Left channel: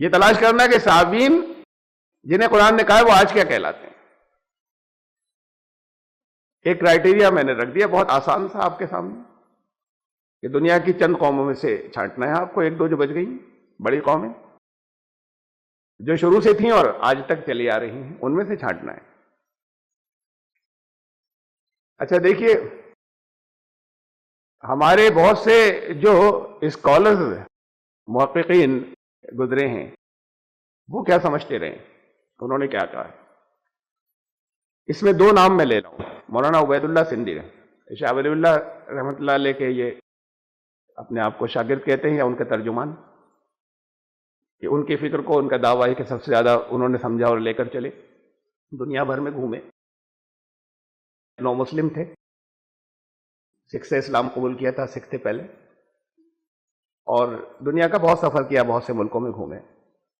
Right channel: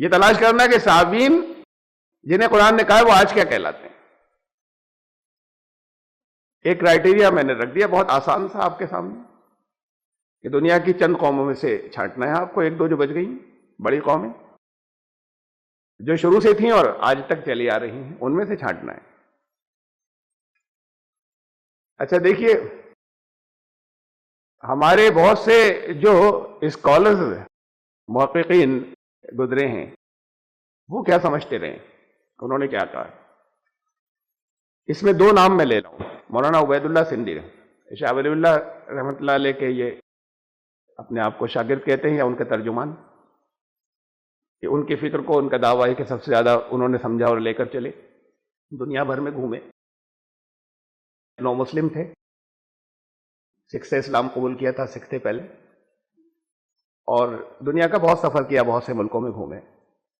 یہ تلاش کرنا کہ صحابین جنہیں قرآن نے کہا ہے وہ آج کیا کہلاتے ہیں. ایک کرائٹیریا میں نے رکھ دیا بہت آسان تھا آپ کے سامنے کہ دنیا کی چند قوموں میں سے چھانٹنا ہے آپ کو، ایک دو جو بچ گئی بڑی قومیں جو شروع سے تھیں اور آج تک چلی آ رہی ہیں، ان میں سے چھانٹنا ہے. اچھا دیکھیے، ہمارے بہت سے جو اسکالرز محققین گزرے ہیں وہ کیا سمجھتے رہے، انہوں نے کیا کہا. اس میں دو نام میں لے رہا ہوں. مولانا عبید اللہ سندھی، شاہ ولی اللہ رحمۃ اللہ علیہ کے یہ اپنے آپ کو شاگرد کہتے ہیں یا ان کے ترجمان، کہ ان کی فکر کو ان کا دعویٰ ہے کہ سب سے زیادہ انہوں نے سمجھا اور لے کر چلے. دنیا بھر میں گھومے، نو مسلم تھے، سکھ سے اسلام قبول کیا تھا، سکھ تھے پہلے، اور دنیا کا بہت سفر کیا، بہت سے ملکوں میں گھومے،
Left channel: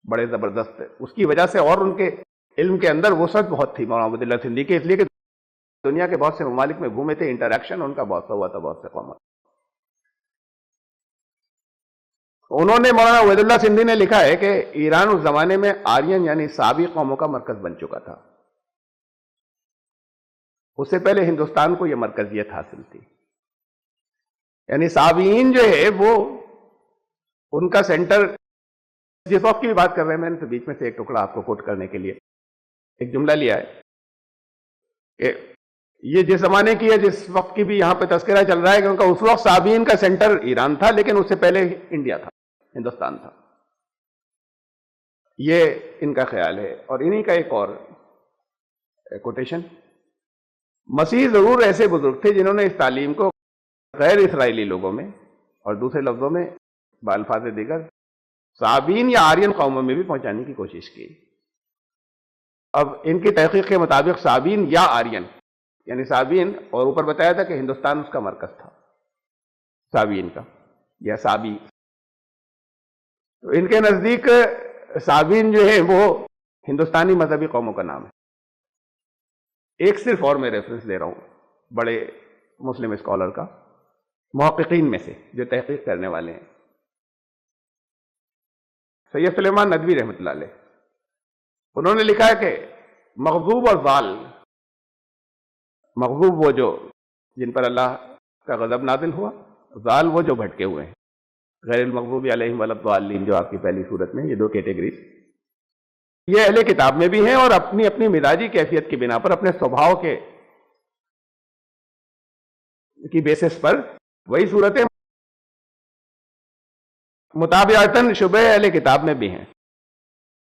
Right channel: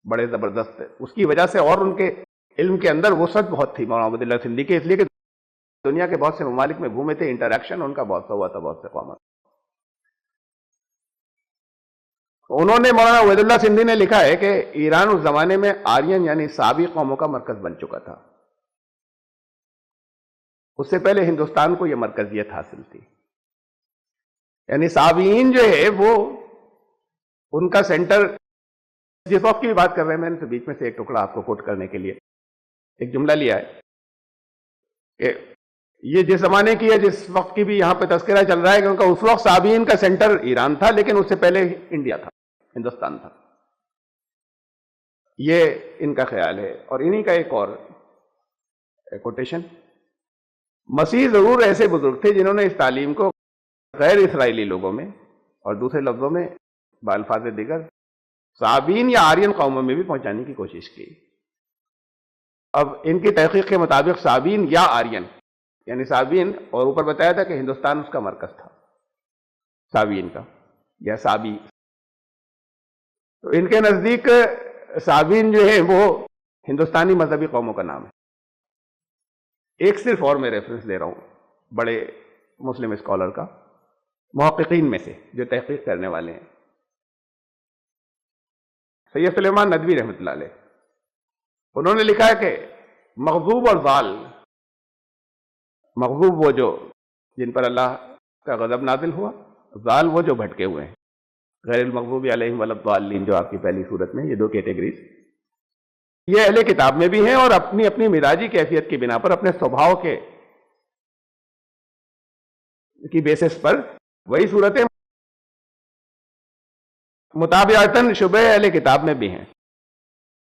بڑے زبردست تھے. اس کی وجہ سے اور ان کے علم کے اندر وسعت بہت تھی مولانا عبید اللہ سندھی کی، اس لیے کہ دنیا کے بہت سے ممالک میں گھومے تھے، انٹریکشن ان کا بہت ہوا تھا بہت سے قوموں. انہوں نے مولانا عبید اللہ سندھی نے لکھا ہے کہ ایران اس زمانے میں آرین یعنی سابی قوموں کا مرکز بن چکا تھا. اس سے پہلے ہندوستان کو یہ مرکزیت حاصل تھی. یعنی سابین جو ہے وہ ان کا سینٹر، جس وقت کی بات کر رہے ہیں میں نے بیچ میں سے ایک ٹکڑا آپ کو کوٹ کرنے کے لیے ایک جملہ لیا ہے کہ یہ جس زمانے کی ہے، جس وقت کی بھی یہاں پہ تذکرہ چل رہا ہے کہ ان کا اس وقت سابین کا سینٹر ایران تھا، لیکن اس سے پہلے انڈیا تھا، ہندوستان تھا. یہ ان کا خیال ہے. اور انہی کا ایک اور کوٹیشن، مسیح ضرور ایسے بزرگ تھے جنہوں نے اس تعلیم کو غیر اسرائیلی لوگوں میں اور دوسرے لفظوں میں بالفاظ دیگر صابین یا آرین قوموں میں بھی پہنچانے کی کوشش کی. اب ان کی تحقیق کے مطابق صابین یا آرین یعنی صابین، اور اوپر بتایا تھا کہ ہندوستان اس کا مرکز تھا صابین کا یا صابی. تو ان کے نزدیک صابین جو ہے وہ ہندوستانی مذہبی قوموں کا نام ہے. ایک صرف اور میں ریفرنس لے رہا ہوں بڑے مسلم اسکالر کا، محققین میں سے جو تحقیق کرنے والے ہیں، سید سلیمان ندوی رحمۃ اللہ علیہ. انہوں نے لکھا کہ مغضوب اور ضال، مغضوب وہ جو جن پر اللہ کا غضب نازل ہوا، ضال وہ جو بھٹکے ہوئے ہیں، غیر المغضوب علیہم ولا الضالین جو آپ کی پہلی صورت میں، یہ دو کیٹیگریز یہ اہل کتاب میں بھی ہیں، اور اپنی اپنی مزاجی کیفیت کی بنا پر، اپنے سبھاؤ کے کی بیسس پر وہی صورتیں مطابعتاً شبہ اہل کتاب میں بھی ہیں.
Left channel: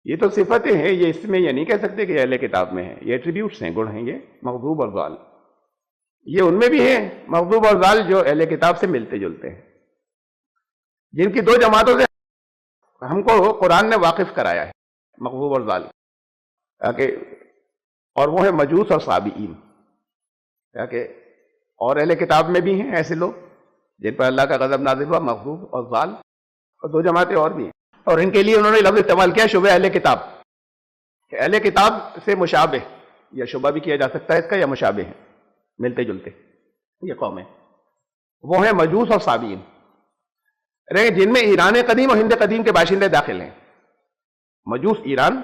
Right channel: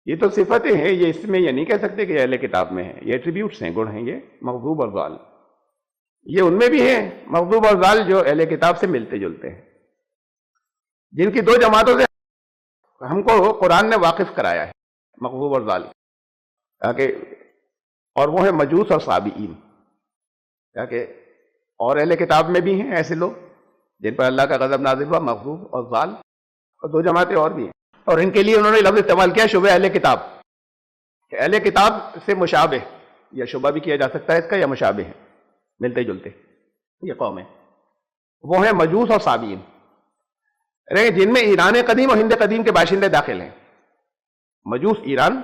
یہ تو صفتیں ہیں، یہ اس میں یہ نہیں کہہ سکتے کہ اہل کتاب میں ہیں، یہ ایٹریبیوٹس ہیں، گن ہیں یہ مغضوب اور ضال. یہ ان میں بھی ہیں مغضوب اور ضال جو اہل کتاب سے ملتے جلتے ہیں، جن کی دو جماعتوں سے ہم کو قرآن نے واقف کرایا ہے، مغضوب اور ضال، اور وہ ہے مجوس اور صابئین. اور اہل کتاب میں بھی ہیں ایسے لوگ جن پر اللہ کا غضب نازل ہوا، مغضوب اور ضال، اور دو جماعتیں اور بھی ہیں. اور ان کے لیے انہوں نے لفظ استعمال کیا شبہ اہل کتاب. اہل کتاب سے مشابہ، یا شبہ بھی کیا جا سکتا ہے اس کا، یا مشابہ ہے، ملتے جلتے یہ قومیں، وہ ہیں مجوس اور صابئین، جن میں ایران قدیم اور ہند قدیم کے باشندے داخل ہیں. مجوس ایران،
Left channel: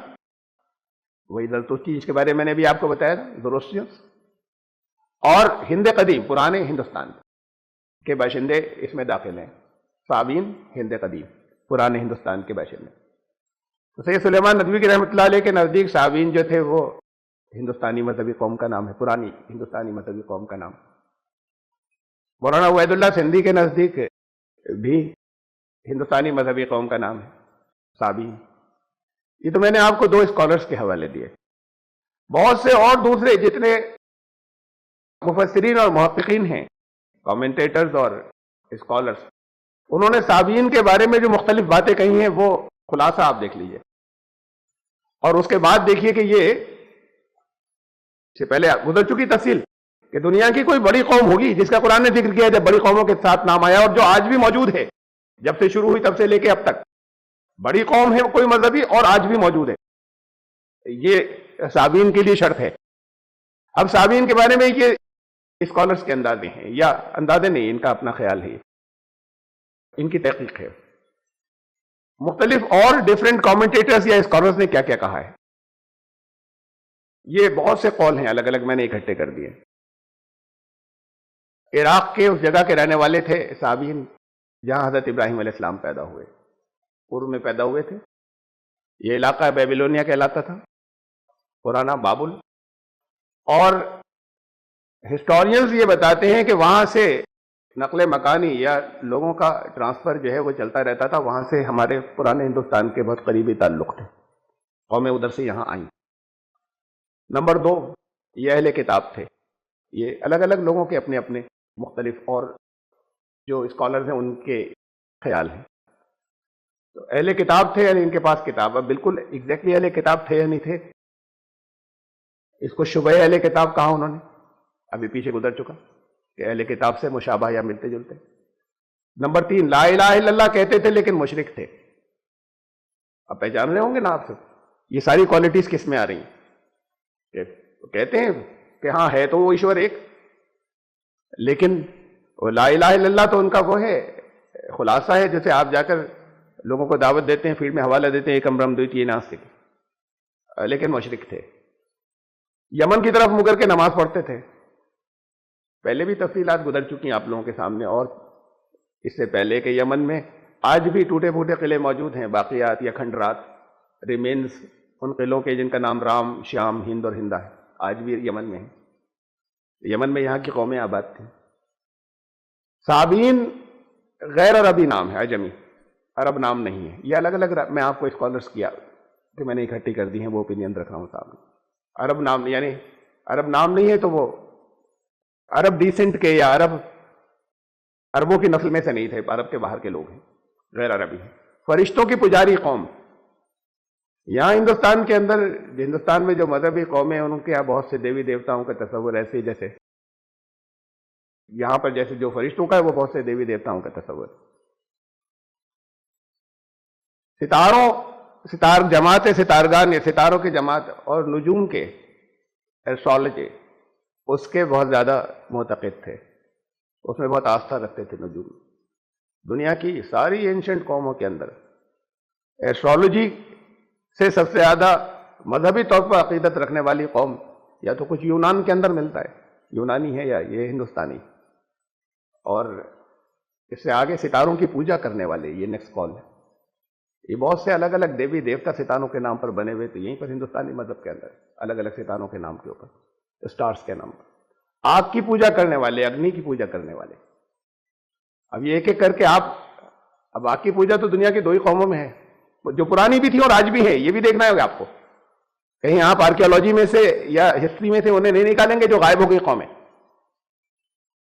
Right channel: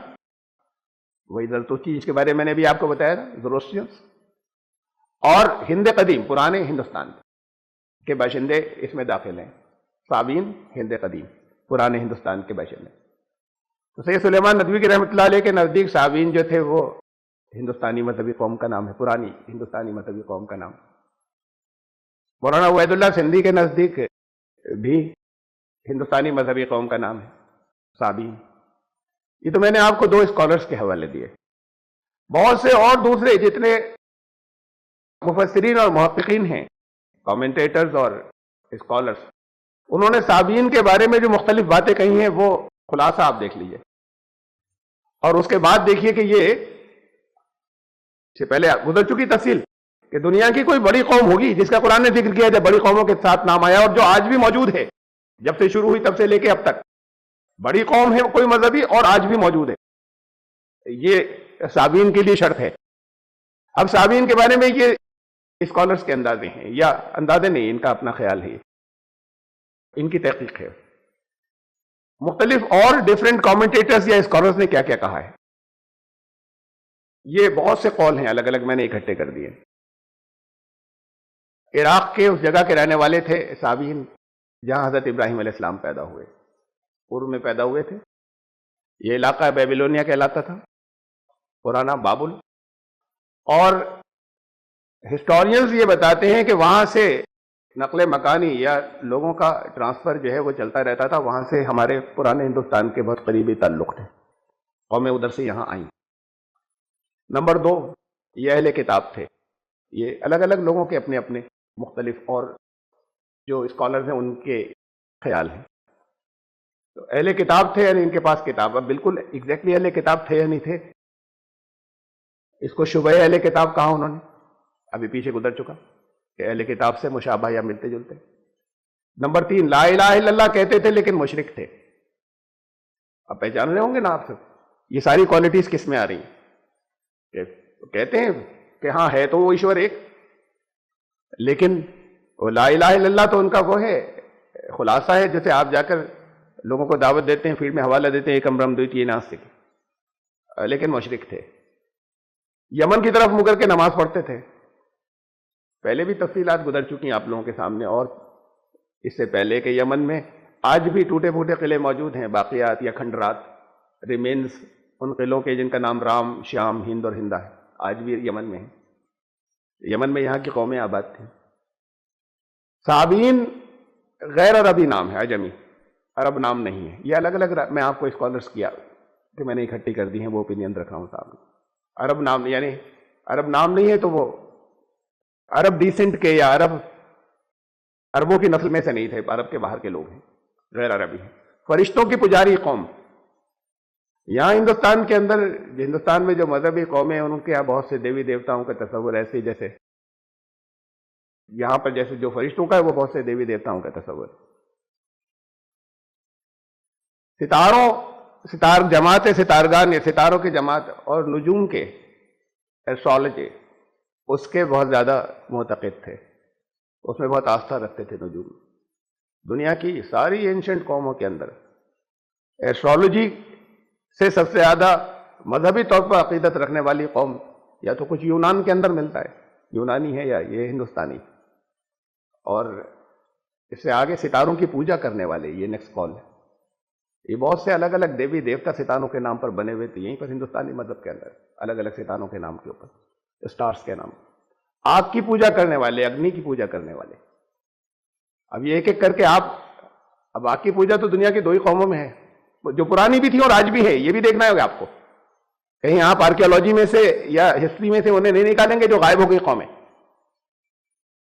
وہ ادھر تو چیز کے بارے میں نے بھی آپ کو بتایا تھا، زروسٹریئنس، اور ہند قدیم پرانے ہندوستان کے باشندے اس میں داخل ہیں. صابین ہند قدیم پرانے ہندوستان کے باشندے. تو سید سلیمان ندوی کی رحمۃ اللہ علیہ کے نزدیک صابین جو تھے وہ ہندوستانی مذہبی قوم کا نام ہے، پرانی ہندوستانی مذہبی قوم کا نام. مولانا عبید اللہ سندھی کے نزدیک بھی ہندوستانی مذہبی قوم کا نام ہے صابین. یہ تو میں نے آپ کو دو اسکالرس کے حوالے دیے. بہت سے اور دوسرے جتنے مفسرین اور محققین ہیں، کامنٹیٹرز اور اسکالرس، انہوں نے صابین کے بارے میں جو مختلف باتیں کہی ہیں وہ خلاصہ آپ دیکھ لیجئے، اور اس کے بعد دیکھیے کہ یہ سے پہلے گزر چکی تفصیل کہ دنیا کی کوئی بڑی قوم ہوگی جس کا قرآن نے ذکر کیا تھا، بڑی قوموں کے ساتھ نام آیا، اور جو آج بھی موجود ہے، جب سے شروع ہوئی تب سے لے کے اب تک بڑی قوم ہے کوئی مذہبی، اور آج بھی موجود ہے. یہ صابین کے لیے شرط ہے. اب صابین کے بارے میں یہ اسکالرس کے اندازے ہیں، یا اندازے نہیں، ان کا اپنا خیال ہے، ان کی تحقیق ہے. مختلف اور ڈفرینٹ کامنٹیٹرز یا اسکالرز نے کیا کیا کہا ہے. یہ بہت سے قول ہیں الگ الگ، میں نے اکٹھے کر دیے. عراق کے اس جگہ کے رہنے والے تھے سابین، جہاں حضرت ابراہیم علیہ السلام پیدا ہوئے، پورو میں پیدا ہوئے تھے. یہ علاقہ بیبیلونیا کہلاتا تھا، پرانا بابل. اور ہسٹورینز یہ بتاتے ہیں کہ وہاں سے نقل مکانی یا لوگوں کا ٹرانسفر جو ہے وہ چلتا رہتا تھا. وہاں سے ہمارے پرانے ہندوستان کے بہت قریبی تعلق تھے، قومیں ادھر سے یہاں آئیں. نمبر 2، یہ اہل کتاب تھے. یہ الگ الگ لوگوں کے اپنے اپنے مختلف اور جو اسکالرز ہیں ان کے خیال ہیں. تو اہل کتاب تھے، یعنی ان کے پاس کتاب. اب بالکل ایگزیکٹلی اہل کتاب تھے یا نہیں تھے، اس کو شبہ اہل کتاب کہا انہوں نے، ابھی پیچھے گزر چکا کہ اہل کتاب سے مشابہ یا ملتے جلتے. نمبر 3، لا الہ الا اللہ کہتے تھے لیکن مشرک تھے. اب پہچان رہے ہوں گے نا آپ سب، یہ ساری کوالٹیز کس میں آ رہی ہیں؟ کہتے ہیں کہ ہاں ہے تو وہ ایشور ایک، لیکن وہ لا الہ الا اللہ تو ان کا وہ ہے خلاصہ ہے، جیسے آپ جا کر لوگوں کو دعوت دیتے ہیں، فیلڈ میں حوالہ دیتے ہیں، ایک امرم دویتی ناستک، لیکن مشرک تھے. یمن کی طرف مگر کے نماز پڑھتے تھے. پہلے بھی تفصیلات گزر چکی ہیں آپ لوگوں کے سامنے، اور اس سے پہلے کہ یمن میں آج بھی ٹوٹے پھوٹے قلعے موجود ہیں، باقیات یا کھنڈرات، ریمینز ان قلعوں کے جن کا نام رام، شام، ہند اور ہندا ہے، آج بھی یمن میں ہیں. یمن میں یہاں کی قومیں آباد تھیں. صابین غیر عربی نام ہے، عجمی، عرب نام نہیں ہے. یہ الگ الگ میں آپ کو اسکالرز کیا کہ میں نے اکٹھی کر دی ہیں، وہ اوپینین رکھ رہا ہوں سامنے. عرب نام نہیں، یعنی عرب نام نہیں ہے تو وہ عرب ڈیسنٹ کے یا عربوں کی نسل میں سے نہیں تھے، عرب کے باہر کے لوگ ہیں، غیر عربی. فرشتوں کی پجاری قوم. یہاں ہندوستان کے اندر، ہندوستان میں جو مذہبی قومیں ہیں ان کے یہاں بہت سے دیوی دیوتاؤں کا تصور ایسے جیسے یہاں پر جیسے جو فرشتوں کا ہے وہ بہت سے دیوی دیوتاؤں کا تصور. ستار جماعت ستارگان یا ستاروں کی جماعت اور نجوم کے ایسٹرالوجی اس کے بہت زیادہ معتقد تھے، اس میں بہت آستھا رکھتے تھے. نجوم دنیا کی ساری اینشنٹ قوموں کے اندر ایسٹرالوجی سے سب سے زیادہ مذہبی طور پر عقیدت رکھنے والی قوم یا تو کچھ یونان کے اندر ملتا ہے، یونانی ہے یا یہ ہندوستانی. اور اس سے آگے ستاروں کی پوجا کرنے والے، یہ نیکسٹ کال ہے. یہ بہت سے الگ الگ دیوی دیوتا ستاروں کے نام پر بنے ہوئے تھے یہیں پر ہندوستانی مذہب کے اندر، الگ الگ ستاروں کے نام کے اوپر، اسٹارز کے نام پر. آگ کی پوجا کرنے والے، اگنی کی پوجا کرنے والے. اب یہ ایک ایک کر کے اب آگ کی پوجا تو دنیا کی 2 ہی قوموں میں ہے، جو پرانی بھی تھی اور آج بھی ہے. یہ بھی دیکھنا ہوگا آپ کو، کہیں آپ آرکیولوجی میں سے یا ہسٹری میں سے انہیں نہیں نکالیں گے جو غائب ہو گئی قومیں.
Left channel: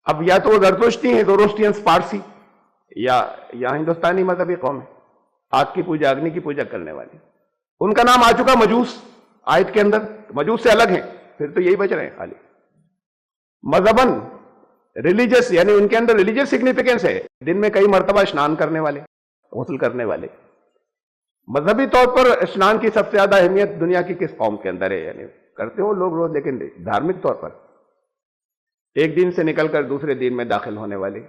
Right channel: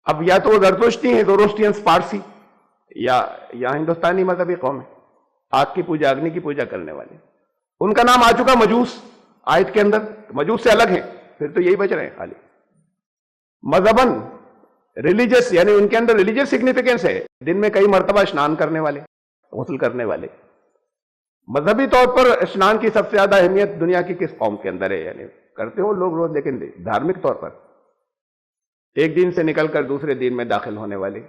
اب یا تو وہ زرتشتی ہیں، زوروسٹرینز پارسی، یا ہندوستانی مذہبی قوم ہے، آگ کی پوجا، اگنی کی پوجا کرنے والی. ان کا نام آ چکا مجوس آیت کے اندر. مجوس سے الگ ہے، پھر تو یہی بچ رہے ہیں خالی. مذہباً ریلیجس، یعنی ان کے اندر ریلیجس سگنیفیکینس ہے. دن میں کئی مرتبہ اسنان کرنے والے، غسل کرنے والے. مذہبی طور پر اسلام کی سب سے زیادہ اہمیت دنیا کی کس قوم کے اندر ہے؟ یعنی کرتے ہو لوگ روز، لیکن دھارمک طور پر ایک دن سے نکل کر دوسرے دن میں داخل ہونے والے.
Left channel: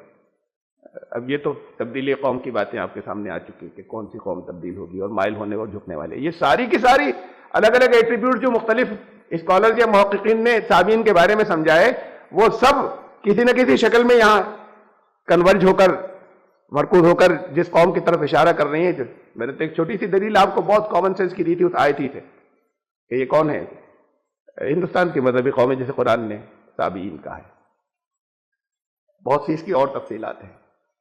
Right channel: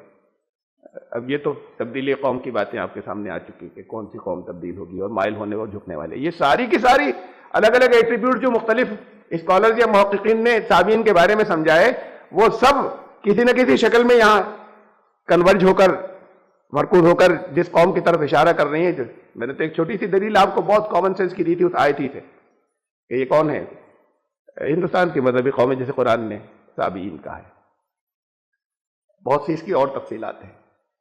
اب یہ تو تبدیلی قوم کی باتیں آپ کے سامنے آ چکی کہ کون سی قوم تبدیل ہوگی، اور مائل ہونے میں جھکنے والے. یہ ساری کی ساری الگ الگ ایٹریبیوٹ جو مختلف اسکالرز یا محققین نے صابین کے بارے میں سمجھائے، وہ سب کسی نہ کسی شکل میں یہاں کنورج ہو کر، مرکوز ہو کر جس قوم کی طرف اشارہ کر رہی ہیں. میں نے تو ایک چھوٹی سی دلیل آپ کو بہت کامن سینس کی دی تھی اس آیت ہی سے کہ یہ کون ہے، ہندوستان کی مذہبی قوم ہے جسے قرآن نے صابین کہا ہے. بہت سی اس کی اور تفصیلات ہیں،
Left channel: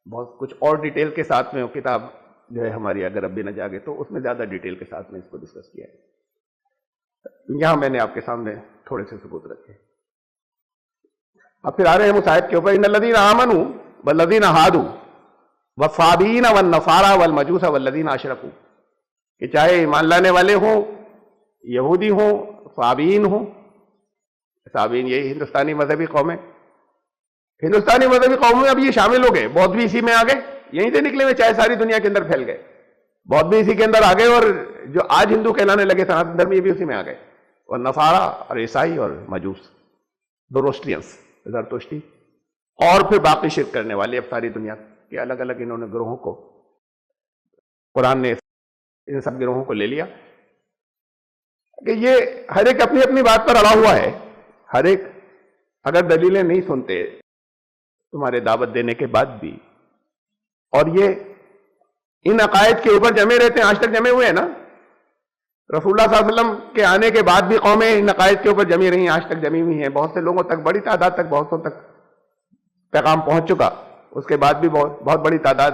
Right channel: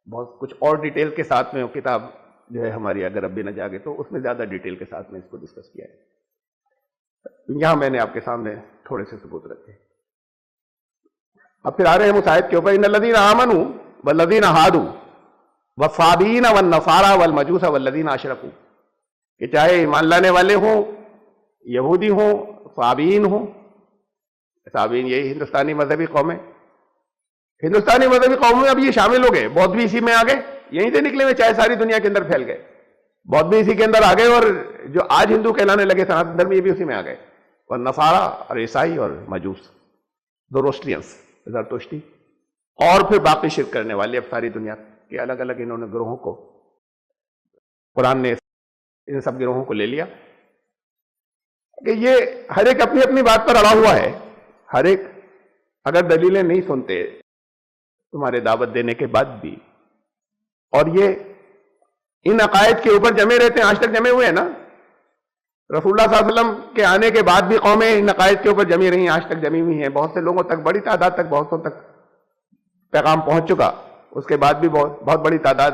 بہت کچھ اور ڈیٹیل کے ساتھ میں وہ کتاب جو ہے ہماری اگر اب بھی نہ جاگے تو اس میں زیادہ ڈیٹیل کے ساتھ میں اس کو ڈسکس کیا ہے. یہاں میں نے آپ کے سامنے تھوڑے سے ثبوت رکھے. اب پھر آ رہے ہیں ہم اس آیت کے اوپر، ان الذین آمنوا والذین ہادوا والصابین والنصارى والمجوس والذین اشرکوا، کہ چاہے ایمان لانے والے ہوں، یہودی ہوں، صابین ہوں. صابین یہی ہندوستانی مذہبی قومیں، ہندوستانی مذہبی قوموں میں اب یہ شامل ہو گئے. بودھ بھی اسی میں آ گئے، یہیں سے نکلے ہوئے، چاہے ساری دنیا کے اندر پھیل گئے. بودھ بھی اسی کے اندر آ گئے، اور جو آج ہندو کہلانے لگے سناتن دھرم یہ بھی اسی میں آ گئے. اور نصارہ اور عیسائی اور مجوس، زوروسٹرینز، زرتشتی، اور پھر باقی شرک کرنے والے. اب ساری دنیا کے الگ الگ انہوں نے گروہوں کو قرآن نے ان سب گروہوں کو لے لیا کہ یہ ہر ایک اپنی اپنی بات پر اڑا ہوا ہے. ہر ایک اگر دلیلیں نہیں سنتے تمہارے دعوت دینے کے بعد بھی، اور یہ ان عقائد کے اوپر جمے رہتے ہیں، آج تک جمے ہوئے ہیں نا. رسول اللہ صلی اللہ علیہ وسلم کے آنے کے بعد بھی قومیں ان عقائد کے اوپر جمی رہی ہیں، آج تک جمی ہوئی ہیں. بہت سے لوگوں تک، بڑی تعداد تک، بہتوں تک پیغام پہنچ چکا. اس کے بعد بھی بہت بڑی تعداد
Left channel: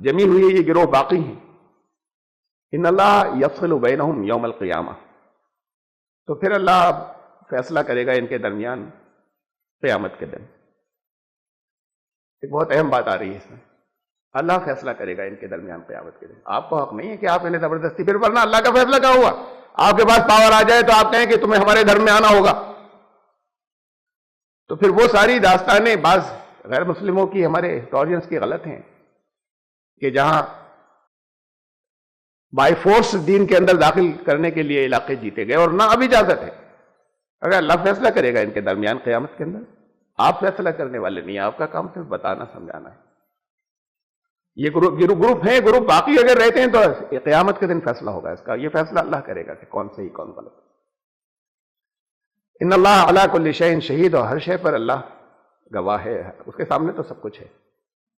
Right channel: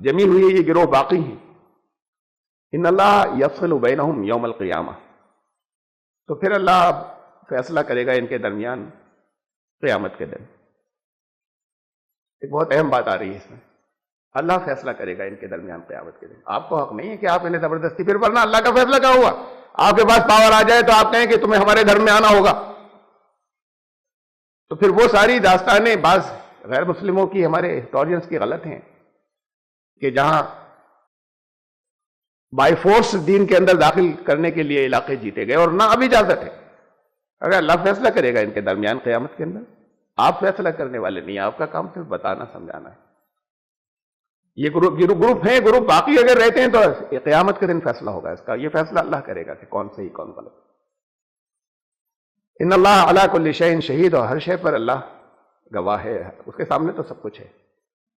جمی ہوئی ہے، یہ گروہ باقی ہیں. ان اللہ یفصل بینہم یوم القیامہ، تو پھر اللہ فیصلہ کرے گا ان کے درمیان قیامت کے دن. ایک بہت اہم بات آ رہی ہے اس میں، اللہ فیصلہ کرے گا ان کے درمیان قیامت کے دن. آپ کو حق نہیں ہے کہ آپ انہیں زبردستی، پھر ورنہ اللہ کا فیصلہ کیا ہوا؟ آپ کے پاس پاور آ جائے تو آپ کہیں کہ تمہیں ہمارے گھر میں آنا ہوگا. تو پھر وہ ساری داستانیں بعض غیر مسلموں کی، ہمارے ہسٹورینز کی غلط ہیں کہ جہاں بائی فورس دین کے اندر داخل کرنے کے لیے علاقے جیتے گئے، اور نہ اب اجازت ہے. اگر اللہ فیصلہ کرے گا ان کے درمیان قیامت کے اندر، آپ فیصلہ کرنے والے نہیں، آپ کا کام صرف بتانا سمجھانا ہے. یہ گروپ ہے، گروپ باقی اگر رہتے ہیں تو قیامت کے دن فیصلہ ہوگا اس کا. یہ فیصلہ اللہ کرے گا کہ کون صحیح کون غلط. ان اللہ علی کل شیء شہید، اور ہر شے پر اللہ گواہ ہے، اس کے سامنے تو سب کچھ ہے.